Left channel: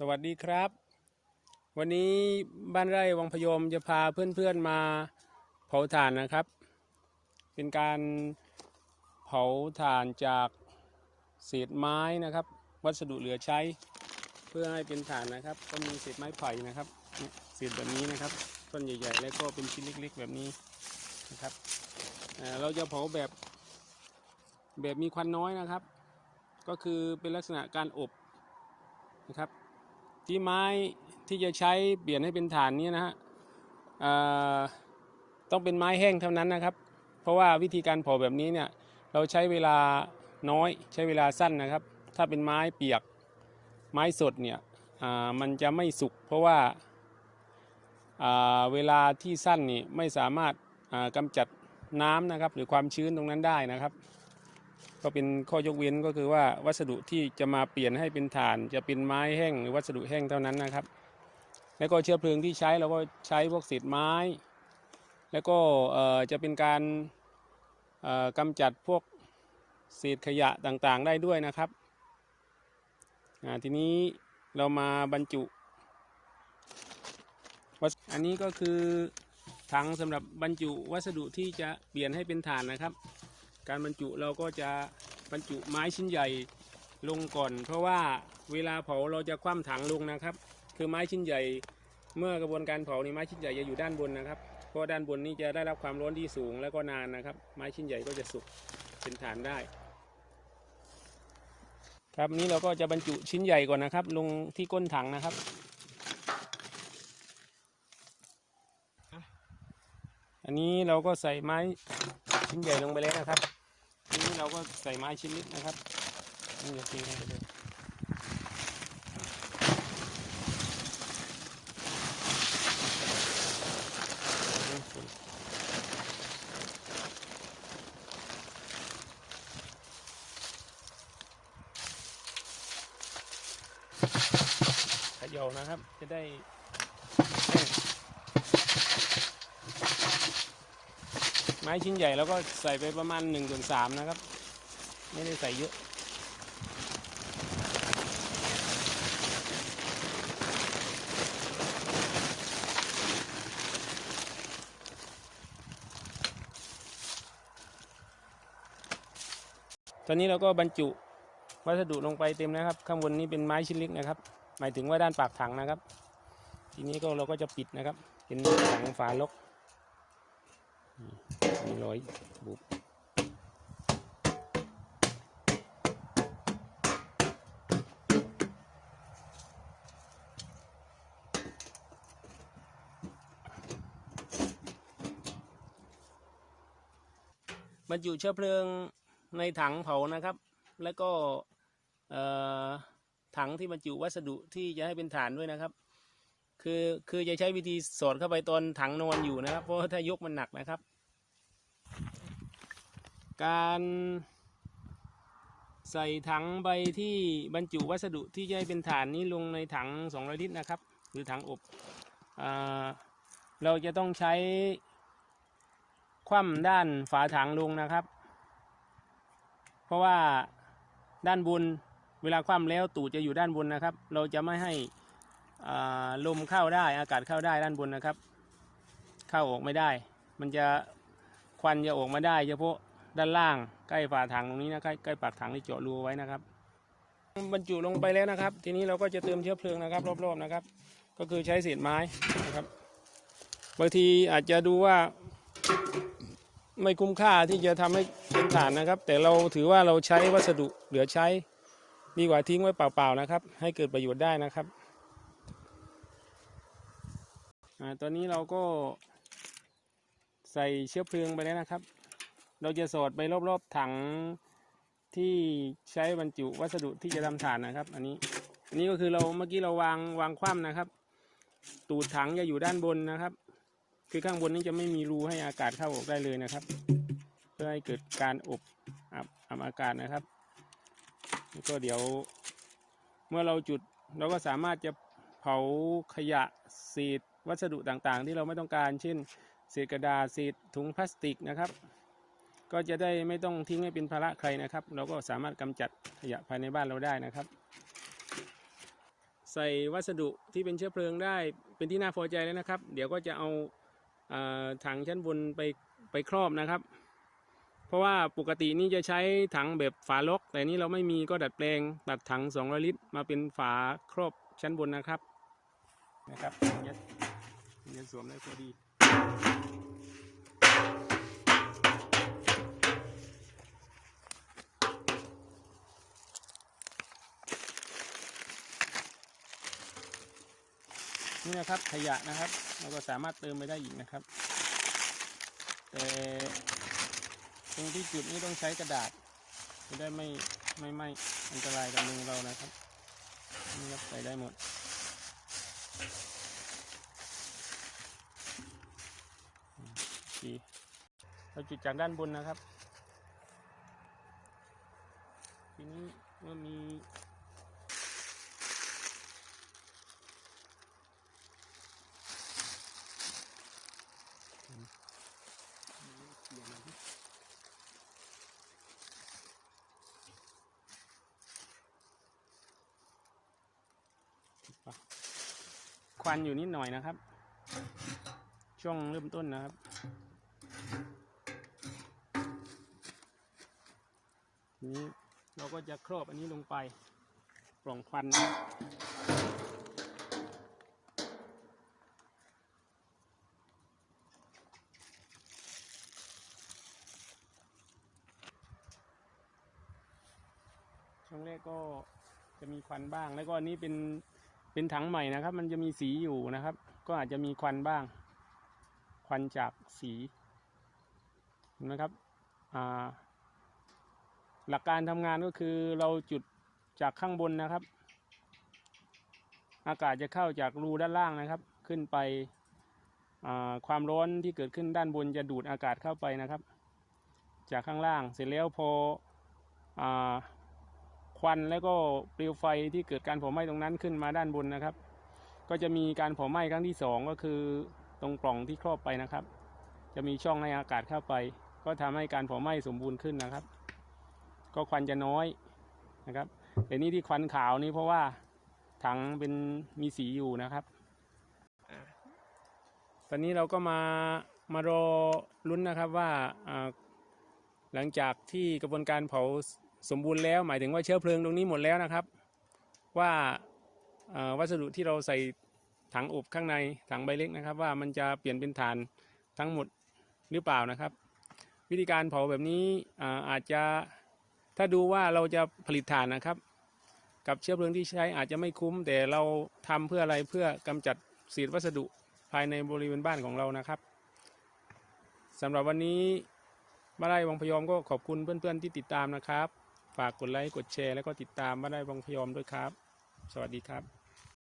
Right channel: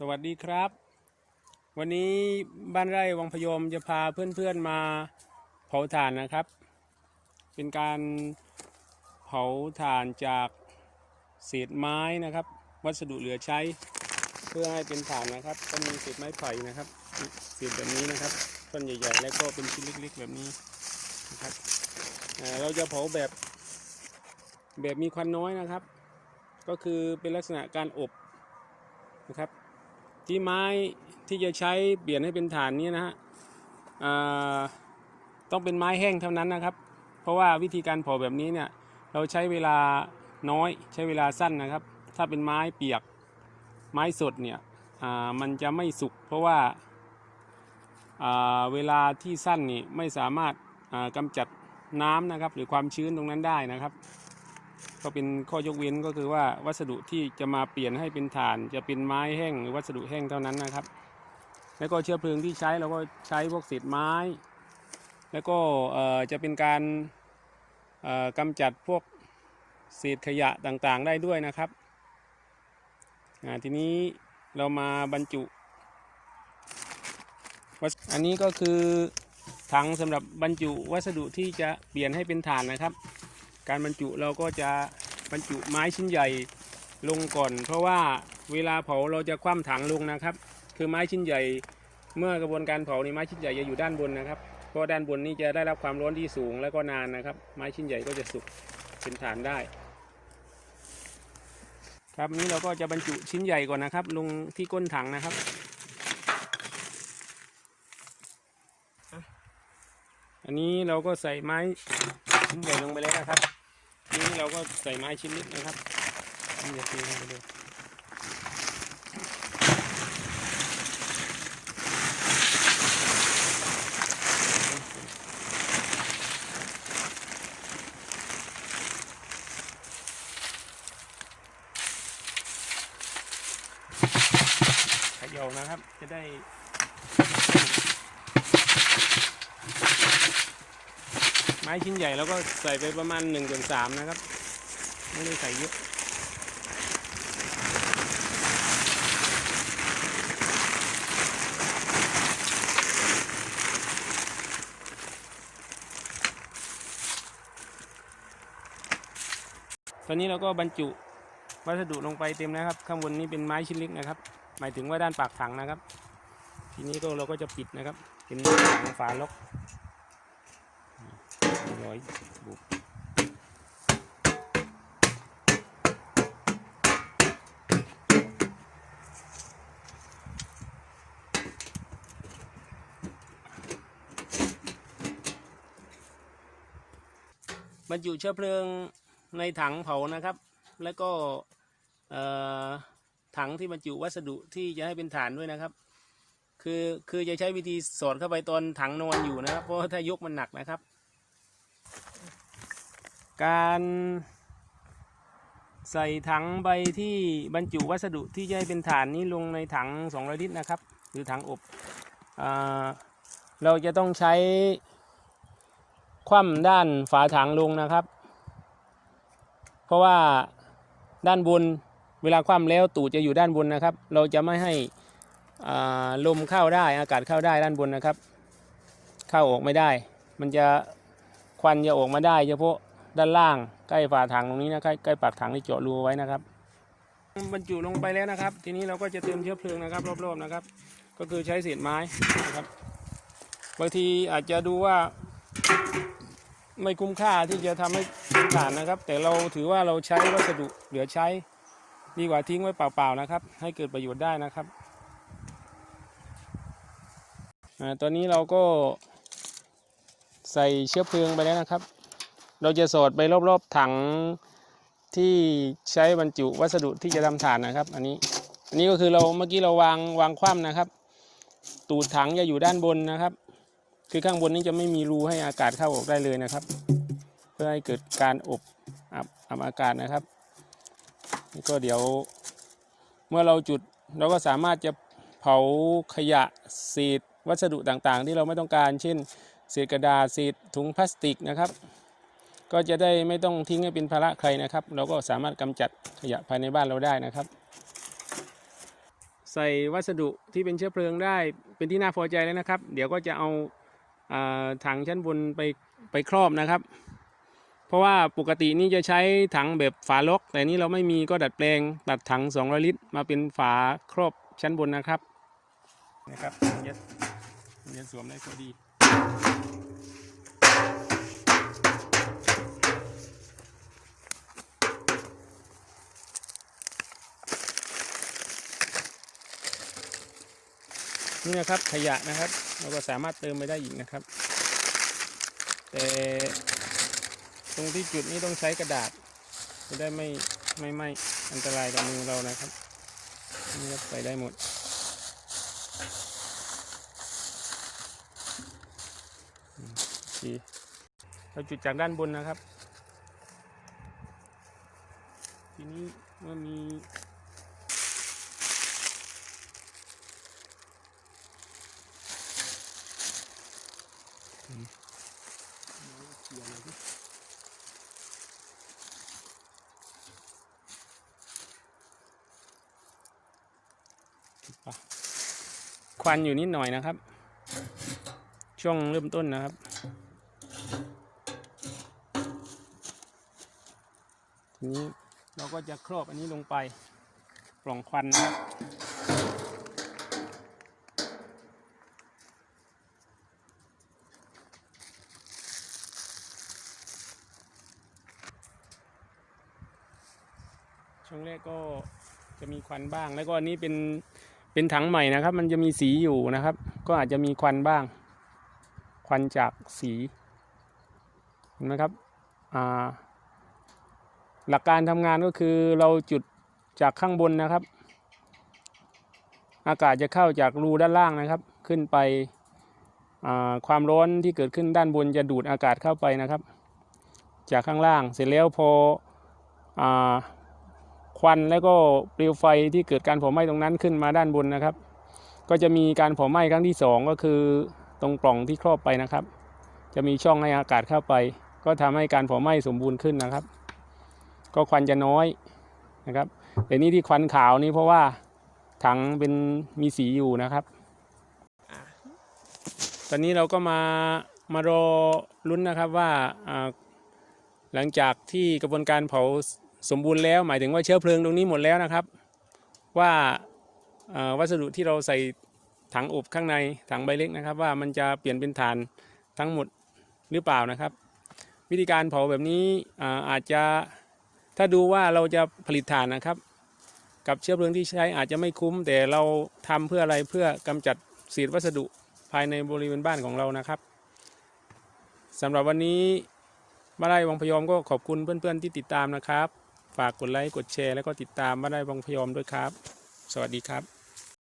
สวัสดีครับ วันนี้บ้านไร่วังพยมจะพาเพื่อนๆมาเผาถ่านนะครับ เป็นการเผาถ่านจากเศษไม้นะครับ วัสดุเหลือใช้ เพื่อให้เป็นถ่านนะครับก็มีเศษไม้ไผ่นะครับเศษแบบนี้นะครับท่อนใหญ่ๆ แล้วก็เป็นชิ้นเล็กๆ แบบนี้นะครับเราจะเผาแบบแบบมีควันน้อยนะครับ ก็คือเป็นลักษณะการอบนะครับ ที่ไม้ที่จะใช้เปลี่ยนให้เป็นฐานนี้นะฮะต้องเป็นไม้แห้งเท่านั้นนะครับ เพราะว่าวิธีการเผาแบบนี้เนี่ยเราใช้เวลาน้อยใช้เวลาสั้นนะครับ ถ้าเป็นไม้เปียกไม้สดเนี่ยมันจะไม่สุกเพราะว่าาเวลาที่สั้นนี่ไม่สามารถากำจัดน้ำนะครับ หรือความชื้นตรงนั้นได้นะครับ ก็เป็นข้อยกเว้นก็คือว่าวัสดุที่จะมาเปลี่ยนให้เป็นถ่าน จะเป็นไม้แห้งหรือวัสดุแห้งเท่านั้นนะครับ แล้วก็เชื้อเพลิงที่ใช้เราก็ใช้พวกเศษไม้ แล้วก็จะเป็นการเอ่อกำจัดพวกเศษขยะต่างๆ ได้ด้วยนะครับทีนี้เรามาบรรจุอันนี้ก็คือถังสำหรับบรรจุวัสดุที่จะเปลี่ยนให้เป็นถ่านนะครับ การบรรจุเราก็จะบรรจุไม้ชิ้นใหญ่ลงก่อน เพราะว่าเวลาเผาเราจะคว่ำถังลงนะครับ คือไม้ชิ้นใหญ่ เมื่อกระบวนการเผาในไม้ชิ้นใหญ่จะอยู่ด้านบนนะครับเพราะด้านบนนี้จะได้รับความร้อนที่สูงแล้วก็นานนะครับ ไม้ชิ้นใหญ่ก็จะสุกเป็นฐานได้ ครับนี้เราก็จะบรรจุชิ้นใหญ่ก่อนนะครับ ลงที่ก้นถังนะครับอันนี้เราก็ใส่ไม้ชิ้นใหญ่ลงไปแล้วนะครับ เราก็ใส่ไม้ชิ้นเล็กนะครับนี่จะตีลงไปดูขยอนะครับจะได้ ไม้ ชิ้นใหญ่แล้วก็ใส่ไปประมาณ1นส่วนสามนะครับ ไม่ได้ใส่เยอะตอนนี้เราก็บรรจุวัสดุลงไปเต็มนะครับ ข้างบนนี้เป็นไม้ชิ้นเล็กนะครับ หมายถึงว่าด้านปากถังนะครับ ทีนี้ก็เราก็จะปิดนะครับเป็นถังฝาล็อก อยบุกบรรจุเชื้อเพลิงในถังเผานะครับ แล้วก็ถังที่บรรจุวัสดุที่จะให้เป็นฐานด้วยนะครับ คือคือจะใช้วิธีสอดเข้าไปตอนถังนอนอยู่นะครับ เพราะถ้ายกมันหนักนะครับ การใส่ถังใบที่บรรจุวัสดุที่ให้เป็นฐานนี้ลงในถัง 200 ลิตรนะครับ หรือถังอบอเราจะต้องใช้คว่ำด้านฝาถังลงนะครับ เพราะว่าด้านบนเวลาคว่ำแล้วตูดจะอยู่ด้านบนนะครับ เราจะไม่ให้ลมเข้าได้อากาศเข้าได้ด้านบนนะครับ เข้าออกไม่ได้ มันจะควันจะออกมาได้เฉพาะ ด้านล่างใกล้ฝาถังตรงนี้นะใกล้ใกล้ปากถังที่เจาะรูเอาไว้นะครับบรรจุลงไปแล้วนะครับ ทีนี้เราก็จะเติมเชื้อเพลิงนะครับรอบๆนะครับ ก็คือใช้เศษไม้นะครับ บางทีอาจจะดูว่า ไม่คุ้มค่าที่จะทำให้เป็นถ่านนะครับ แต่เราถือว่าเราใช้วัสดุเหลือใช้ดีกว่าทิ้งไว้เปล่าๆนะครับ ให้เกิดประโยชน์ได้นะครับอาตอนนี้เราก็ใส่เชื้อเพลิงไปแล้วนะครับ เราจะสอดไปรอบๆถังที่ใช้บรรจุวัสดุที่จะทำถ่านนะครับ อันนี้อันนี้ก็คือเราเมื่อกี้เราวางวางคว่ำนะครับ ตูดถังจะอยู่ด้านบนนะครับ คือข้างบนนี้จะไม่มีรูให้อากาศเข้าออกได้เลยนะครับ เพื่อให้เกิดการอบอับอับอากาศนะครับแล้วก็เดี๋ยวเมื่อเราจุดเราก็สามารถจะเผาขยะเศษวัสดุต่างๆ ที่เราไม่ต้องการ เช่นเศษกระดาษเศษถุงพลาสติกนะครับ ก็จะได้ไม่ต้องทิ้งให้เป็นภาระใครนะครับ เราก็สามารถกำจัดขยะภายในบ้านเราได้นะครับ ใส่วัสดุที่เป็นเชื้อเพลิงได้เป็นที่น่าพอใจแล้วนะครับ เดี๋ยวก็จะเอาอาถังชั้นบนไปไปครอบนะครับ เพราะว่าปกตินี่จะใช้ถังแบบฝาล็อก แต่นี่เราไม่มีก็ดัดแปลงตัดถัง 200 ลิตร มาเป็นฝาครอบชั้นบนนะครับนะครับเยเดี๋ยวสวมได้พอดี นี่นะครับขยะนะครับ เราก็สามารถเติมไปได้อีกนะครับ แต่ตรงที่จุดนี้ต้องใช้กระดาษ จะได้ไม่ไม่ไม่อันตรายกับมือเรานะครับนี่ครับใส่ได้หมดอืมโอเคเราจุดจากด้านบนนะครับ ทีนี้เมื่อมี เขียนอะไรดิ ควันอยู่นิดหน่อยนะครับ ช่วงเริ่มต้นนะครับ ทีนี้เราก็จะครอบอันนี้ลงไปปล่องควันนะครับช่วงแรกก็จะมีควันบ้าง แล้วก็อันนี้เป็น เป็นถังใหม่นะครับ มันจะมีสีอยู่นะครับ ก็อาจจะมีควันบ้าง ควันจากสีเห็นไหมครับหลักการทำงานก็คือเราจุดจากข้างบนนะครับ อากาศจะเข้าจากรูด้านล่างนะครับ ขึ้นไปความร้อนที่เกิดขึ้นด้านบนจะดูดอากาศเข้าไปนะครับ จากข้างล่างเสร็จแล้วพออ ควันแล้วก็เปลวไฟที่เกิดการเผาไหม้ตรงนั้นขึ้นมาด้านบนนะครับ ก็จะมีการเผาไหม้ครั้งที่สองก็คือตรงปล่องที่ครอบไปนะครับ จะมีช่องให้อากาศเข้าไป ก็ทำให้การเผาไหม้สมบูรณ์ขึ้นนะครับ ก็ควันจะน้อยนะครับแต่นี่ที่ควันขาวนี่เพราะว่าถังเป็นมีสีอยู่นะครับ ตอนนี้เราก็มามารอลุ้นนะครับว่าหลังจากที่กระบวนการเผา สมบูรณ์แล้วหมายถึงว่าเชื้อเพลิงตรงนี้หมดแล้วนะครับ ว่าวัสดุที่เราใส่ถังอบข้างในถังใบเล็กนะครับ ว่ามันจะเปลี่ยนเป็นถ่านทั้งหมดหรือเปล่านะครับ วิธีการเผาแบบนี้อาอาจจะถ้าดูว่าเราจะผลิตถ่านนะครับ กับเชื้อเพลิงที่ใช้อาจจะไม่คุ้ม แต่เราทำเพื่ออะไรเพื่อกำจัดเศษวัสดุภายในบริเวณบ้านของเรานะครับสำหรับวันนี้มาได้วังพยอมก็ขอบคุณเพื่อนๆที่ติดตามนะครับ ฝากกดไลค์กดแชร์แล้วก็ติดตามมาได้บังพยอมด้วยครับ สวัสดีครับ